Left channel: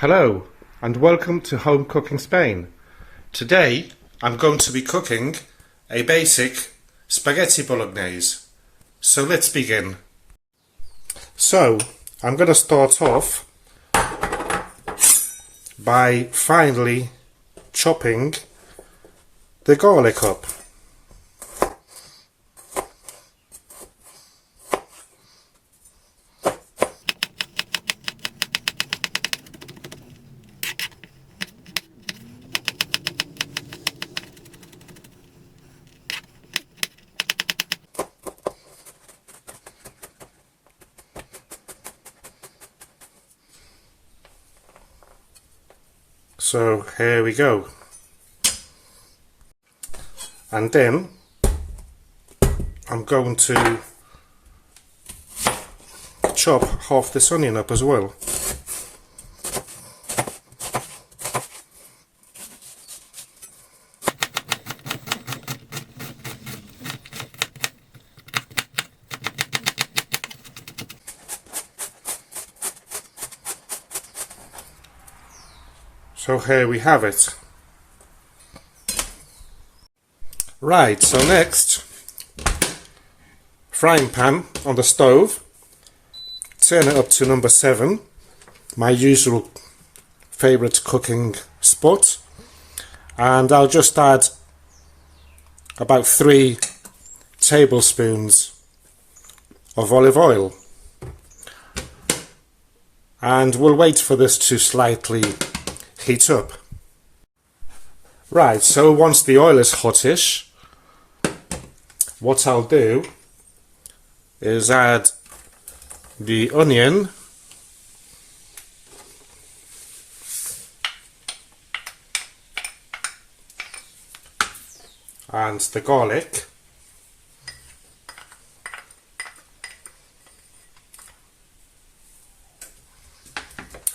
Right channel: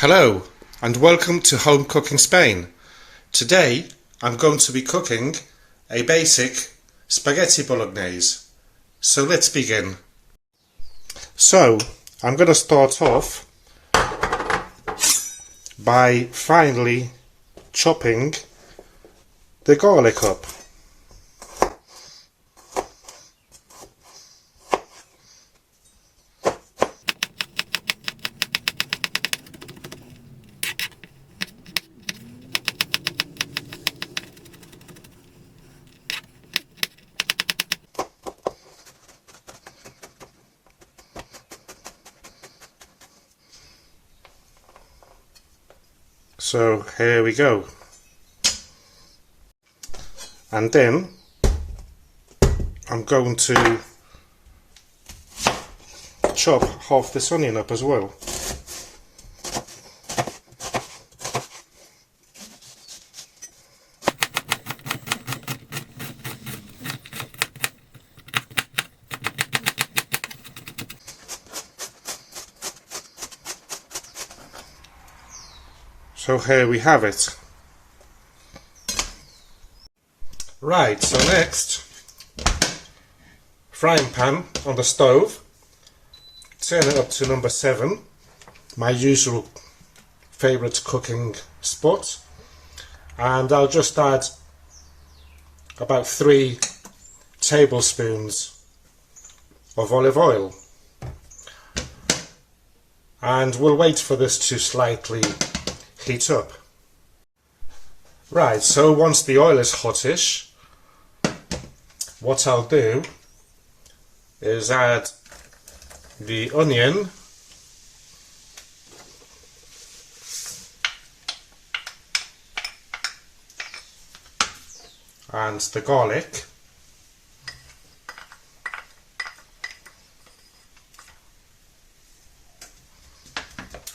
Hello and welcome to Home Cooking Spain. Today I'm going to be cooking a basic spaghetti bolognese. So let's begin. So I'm going to start off by finely chopping the garlic up. So here we go. And then I'm going to chop half this onion up as well. So here we have it. Right, so next, frying pan on the stove, turn it up to number 7, my usual favourite cooking spot, and I'll just add about 3 tablespoons of olive oil, and we'll wait for this to slightly heat up. Right, so once the oil is hottish, what I'll do is add the onion and the garlic,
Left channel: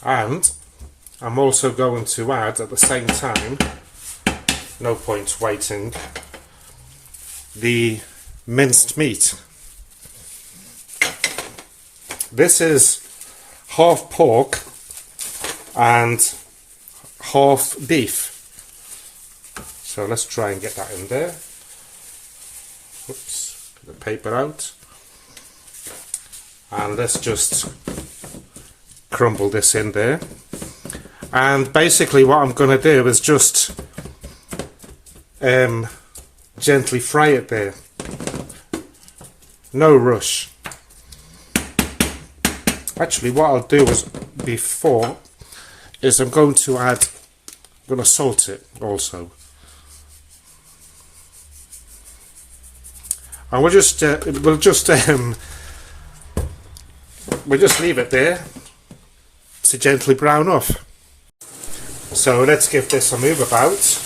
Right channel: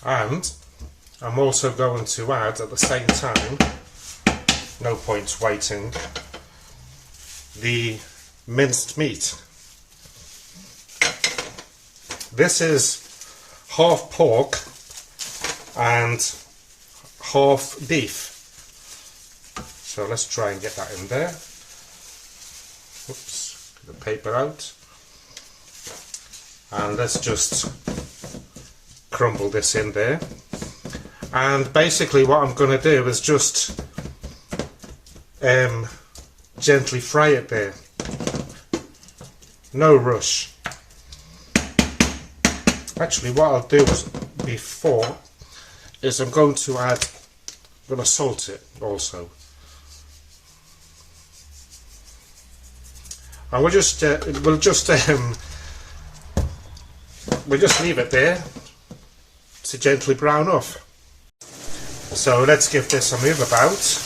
and I'm also going to add at the same time, no point waiting, the minced meat. This is half pork and half beef. So let's try and get that in there. Oops, get the paper out. And let's just crumble this in there. And basically what I'm going to do is just gently fry it there. No rush. Actually what I'll do is I'm going to salt it also. And we'll just leave it there to gently brown off. So let's give this a move about.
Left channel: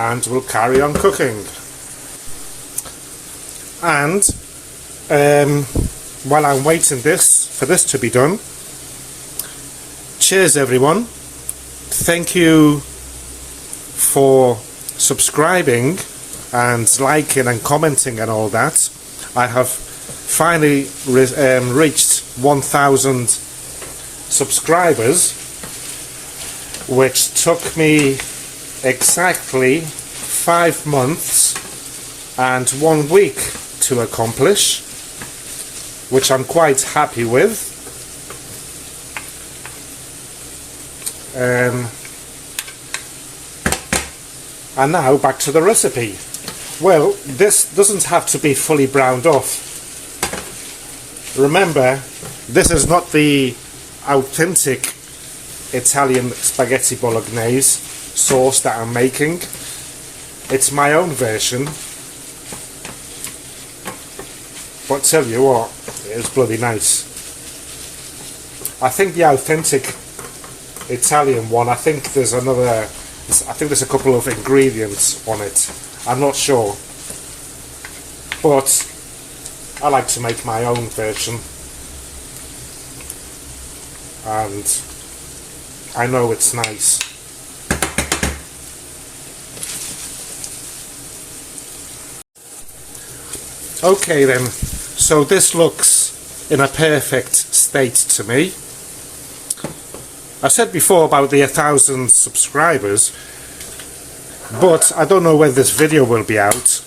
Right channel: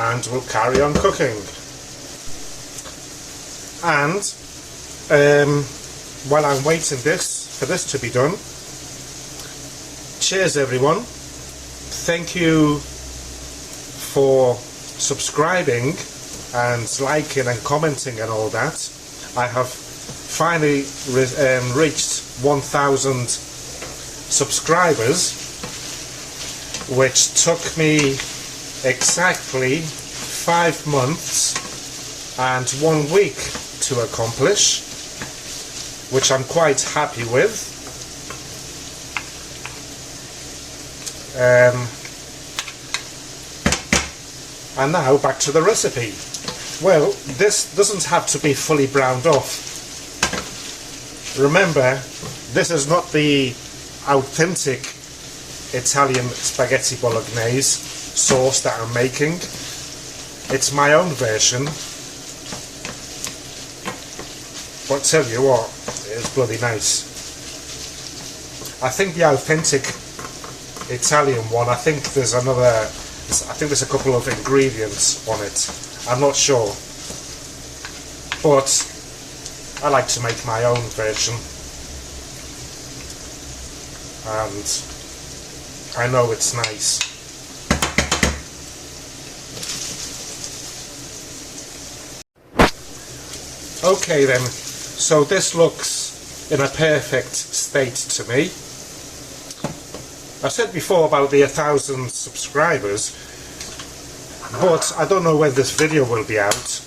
And we'll carry on cooking. And while I'm waiting for this to be done, cheers everyone. Thank you for subscribing and liking and commenting and all that. I have finally reached 1,000 subscribers, which took me exactly 5 months and 1 week to accomplish, which I'm quite happy with. And now back to the recipe. Well, this doesn't have to be fully browned off. Remember, this is not the authentic Italian spaghetti bolognese sauce that I'm making. It's my own version, but tell you what, it's bloody nice. I think the authentic Italian one, I think there's another I think there's a couple of ingredients on it. I'm not sure. But I like to make my own version. And I know it's nice. Okay then, so this looks in a perfect state to me. I said before about the 1,000 subscribers, but I don't know when this video will be out.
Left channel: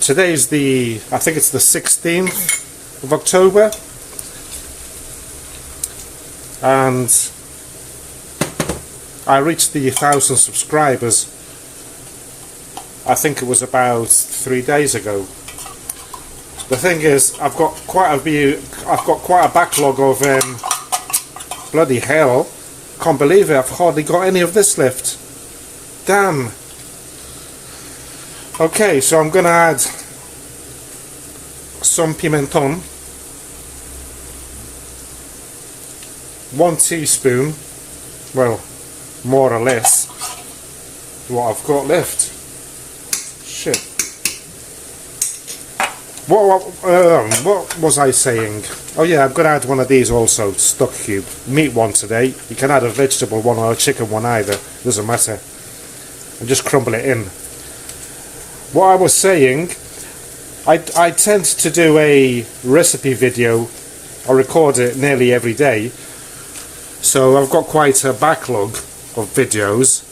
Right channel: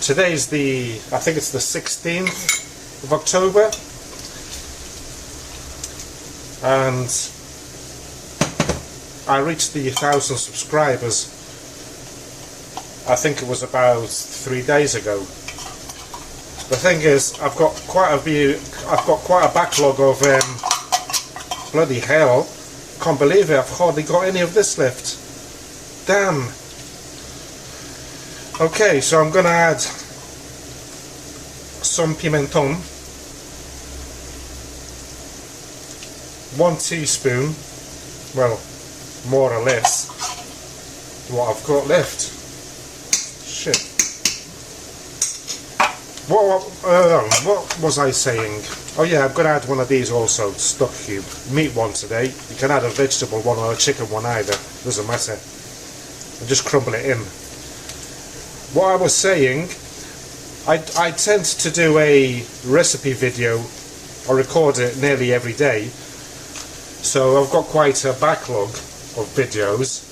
Today's I think it's the 16th of October, and I reached the 1,000 subscribers, I think it was about 3 days ago. The thing is, I've got quite a backlog of bloody hell, can't believe it, I've hardly got any of this left. Damn. Okay, so I'm gonna add some pimenton, 1 teaspoon, well, more or less, what I've got left. Shit. What was I saying? Oh yeah, I'm going to add one of these also, stock cube. Meat one today. You can add a vegetable one or a chicken one either, doesn't matter. And just crumble it in. What I was saying, I tend to do a recipe video, I record it nearly every day, so I've got quite a backlog of videos.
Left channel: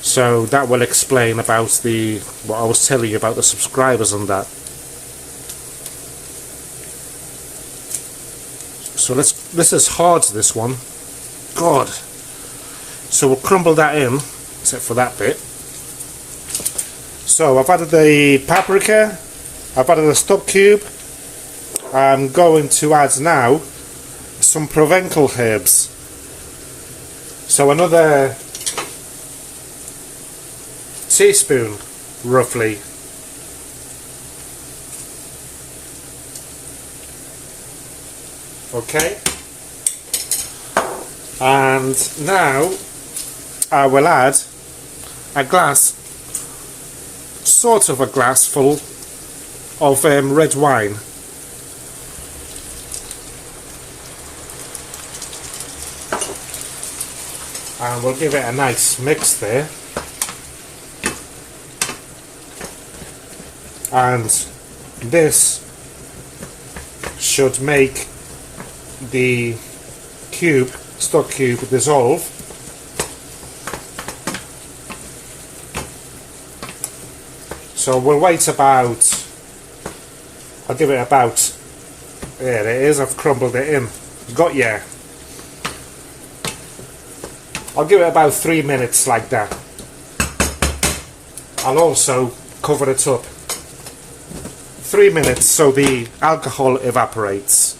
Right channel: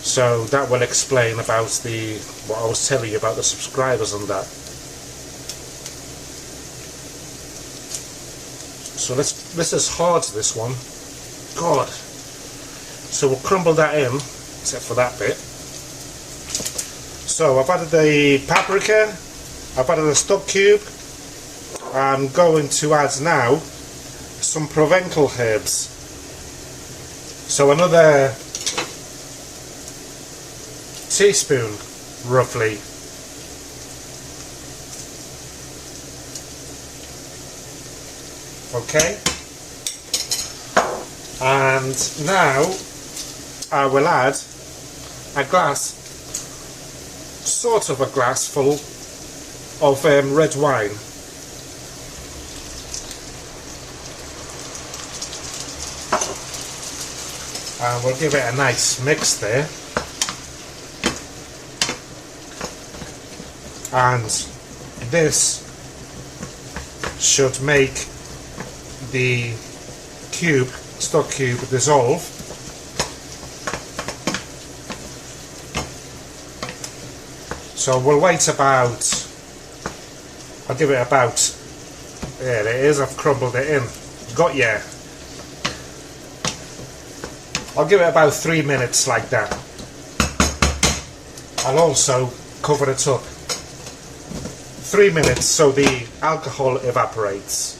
So that will explain about what I was telling you about the subscribers and that. So this is hard, this one. God. So we'll crumble that in, except for that bit. So I've added the paprika, I've added the stock cube. I'm going to add now some Provencal herbs. So another teaspoon, roughly. Okay. And now I will add a glass, sort of a glass full of red wine. And we'll give it a nice mix there. And this should make the stock cube dissolve. So we'll wait about, I'll give it about, there it is, I've crumbled it in. Got ya. I'll give it about 3 minutes like that. I'll also cover it up. 3 minutes so the alcohol evaporates.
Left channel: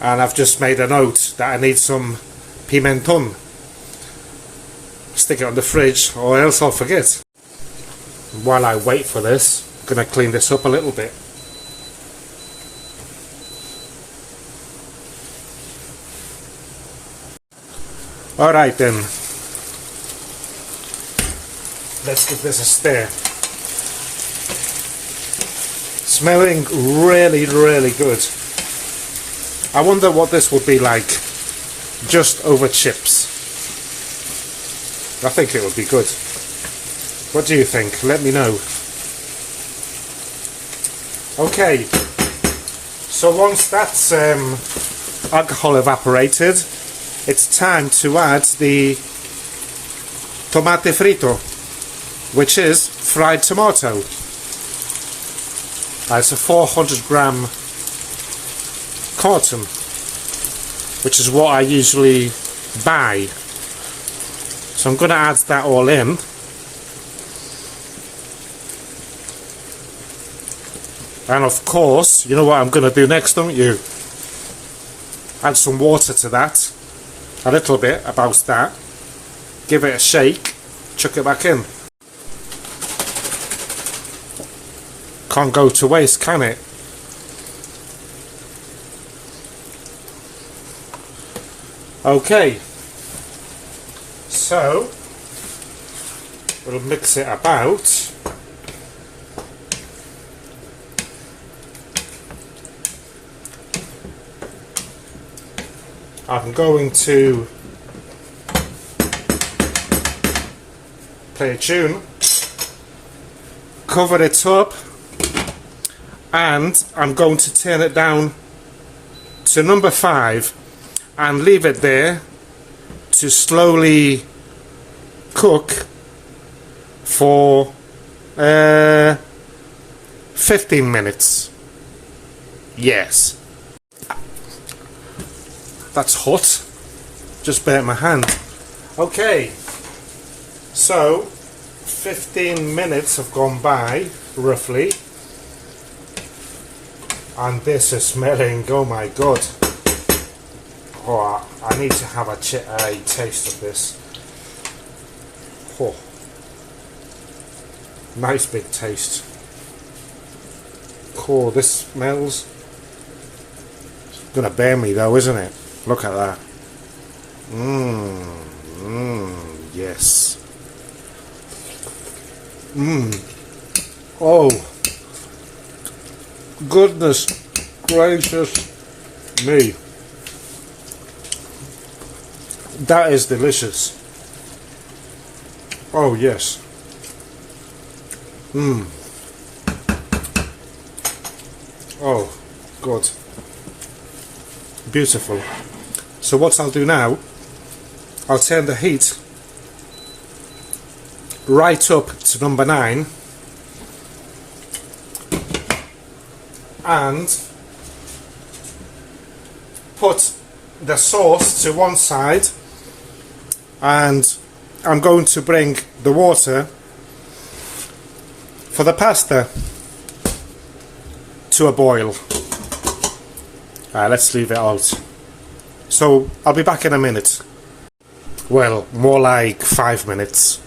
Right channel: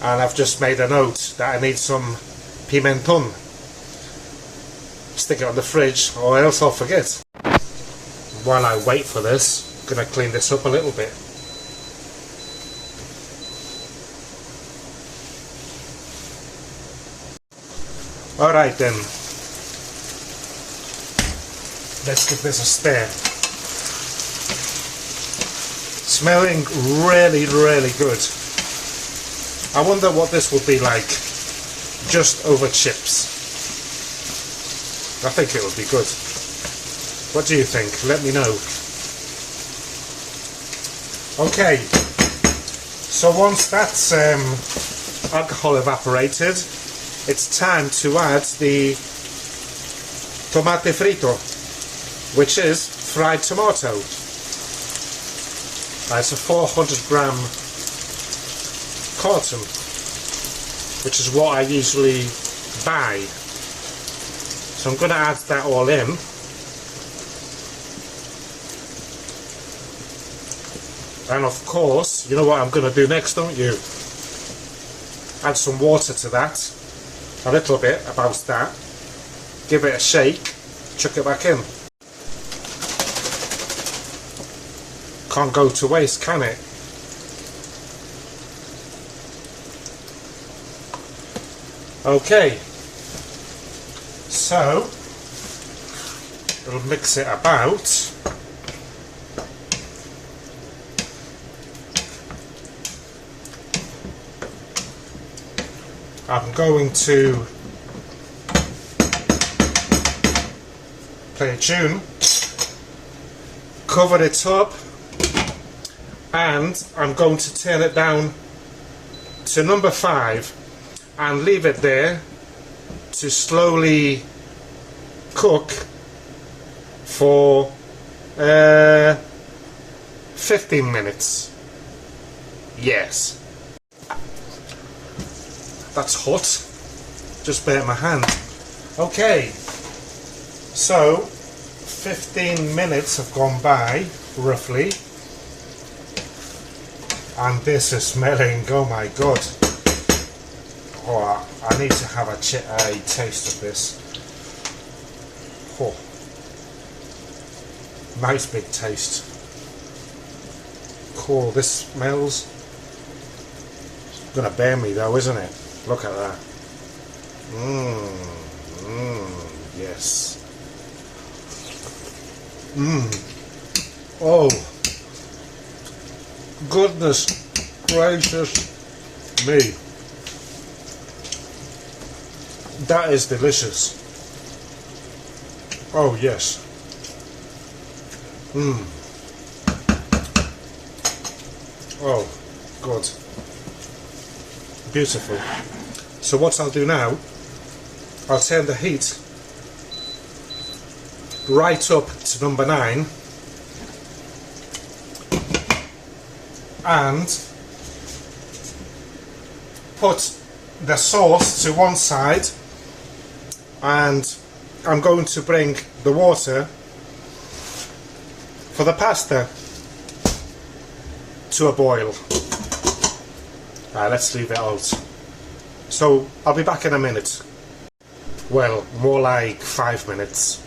And I've just made a note that I need some pimenton. Stick it on the fridge or else I'll forget. While I wait for this, I'm going to clean this up a little bit. Alright then. Let's give this a stir. Smelling really, really good. I wonder what this would be like just over chips. I think it would be good. What do you think? Let me know. Okay, so once that's alcohol evaporated, it's time to add the tomate frito, which is fried tomato. It's a 400 gram carton, which is what I usually buy. So I'm going to add that all in. And of course, you know what I'm going to do next, don't you? Add some water to that. A little bit, about that. Give it a shake. Chuck it back in. Can't go to waste, can it? Okay, so we'll mix it about. I'm going to play a tune, cover it up, and I'm going to turn it down to number 5 and leave it there to slowly cook for 15 minutes. Yes. That's hot. Just burnt my hand. Okay. So, 15 minutes have gone by, roughly. And this is smelling, oh my god. Oh, I need to have a taste of this. Oh. Nice big taste. Oh, this smells. It's gonna burn me though, isn't it? Look at that. Yes. Oh. Goodness gracious me. That is delicious. Oh yes. Oh, good. Beautiful. So what I'll do now, I'll turn the heat right up to number 9 and put the sauce to one side, and I'm going to bring the water for the pasta to a boil. Let's leave it out. So I'll be back in a minute. Well, more like 5 minutes.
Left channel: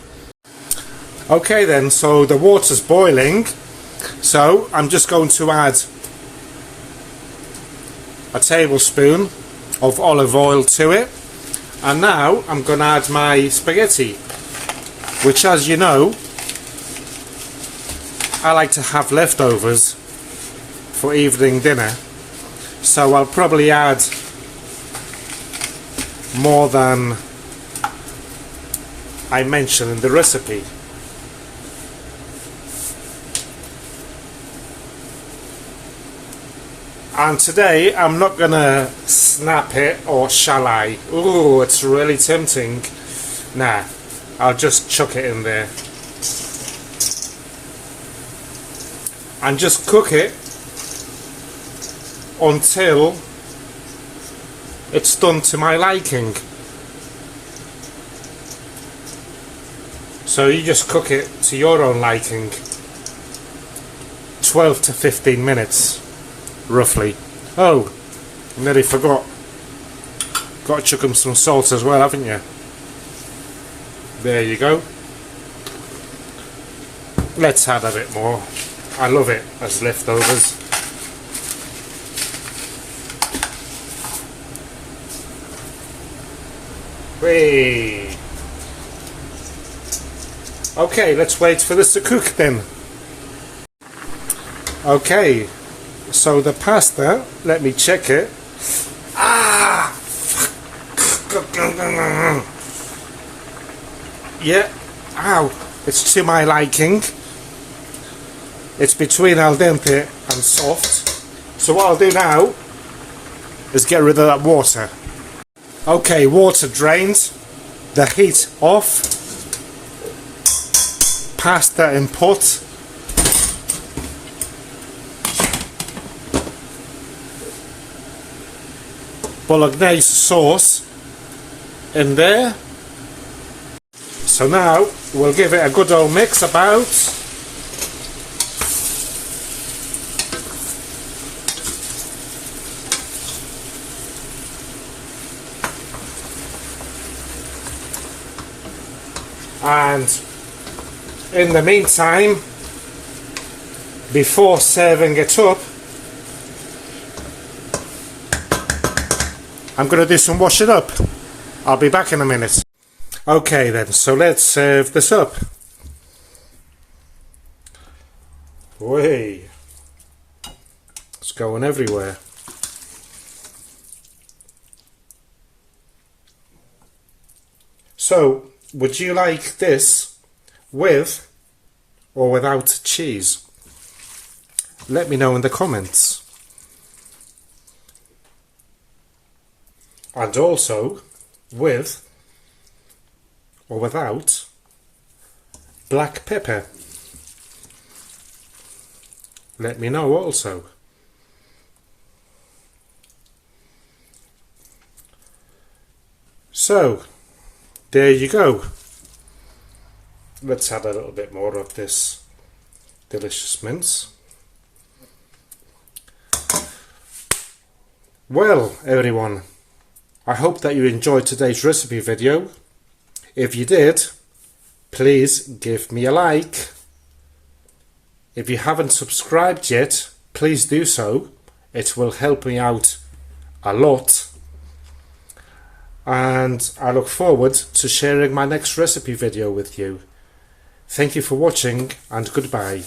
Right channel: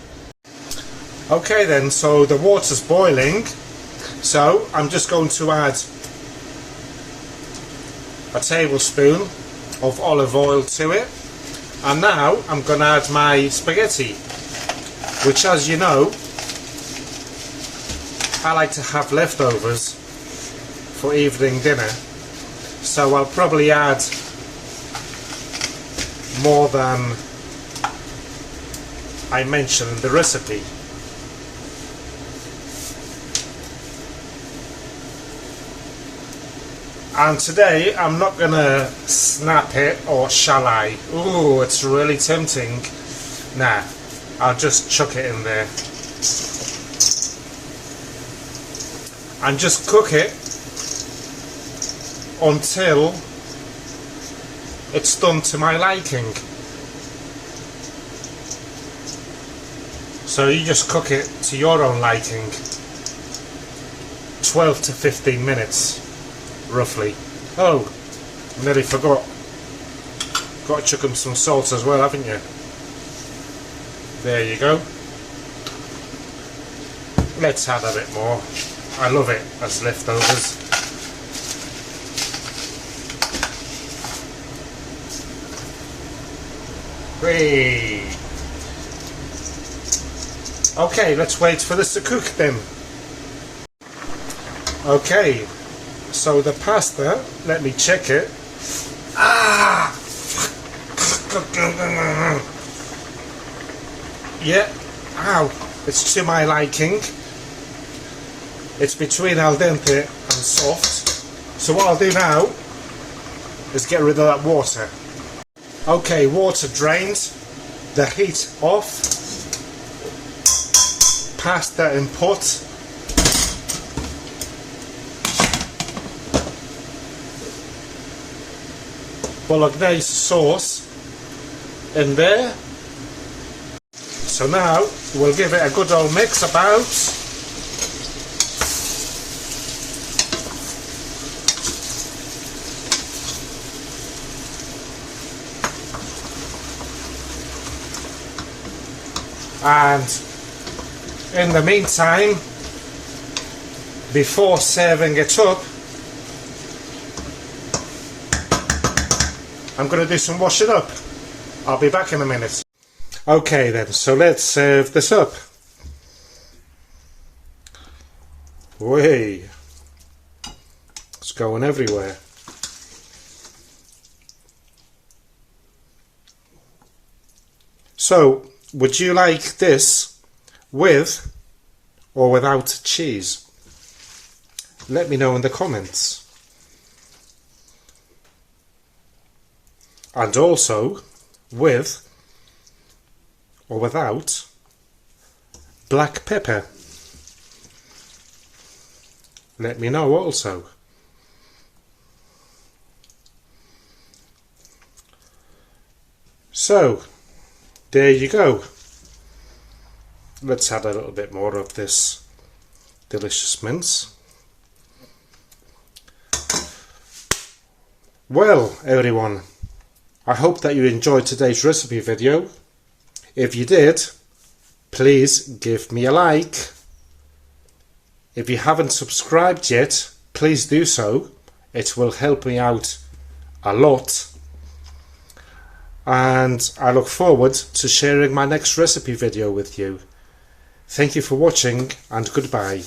Okay then, so the water's boiling, so I'm just going to add a tablespoon of olive oil to it, and now I'm going to add my spaghetti, which, as you know, I like to have leftovers for evening dinner, so I'll probably add more than I mentioned in the recipe. And today I'm not gonna snap it, or shall I? Ooh, it's really tempting. Nah, I'll just chuck it in there and just cook it until it's done to my liking. So you just cook it to your own liking. 12 to 15 minutes, roughly. Oh, nearly forgot. Got to chuck them some salt as well, haven't you? There you go. Let's add a bit more. I love it as leftovers. Hey. Okay, let's wait for this to cook then. Okay, so the pasta, let me check it. Yeah, ow, it's to my liking. It's between al dente and soft. So what I'll do now is get rid of that water. Okay, water drained, the heat off, pasta input, bolognese sauce in there. So now we'll give it a good old mix about. And in the meantime, before serving it up, I'm going to do some washing up. I'll be back in a minute. Okay then, so let's serve this up. Way, it's going everywhere. So, would you like this with or without cheese? Let me know in the comments. And also with or without black pepper. Let me know also. So, there you go. Let's add a little bit more of this delicious mince. Well, everyone, I hope that you enjoyed today's recipe video. If you did, please give me a like. If you haven't subscribed yet, please do so. It will help me out a lot. And I look forward to sharing my next recipe video with you. Thank you for watching and goodbye.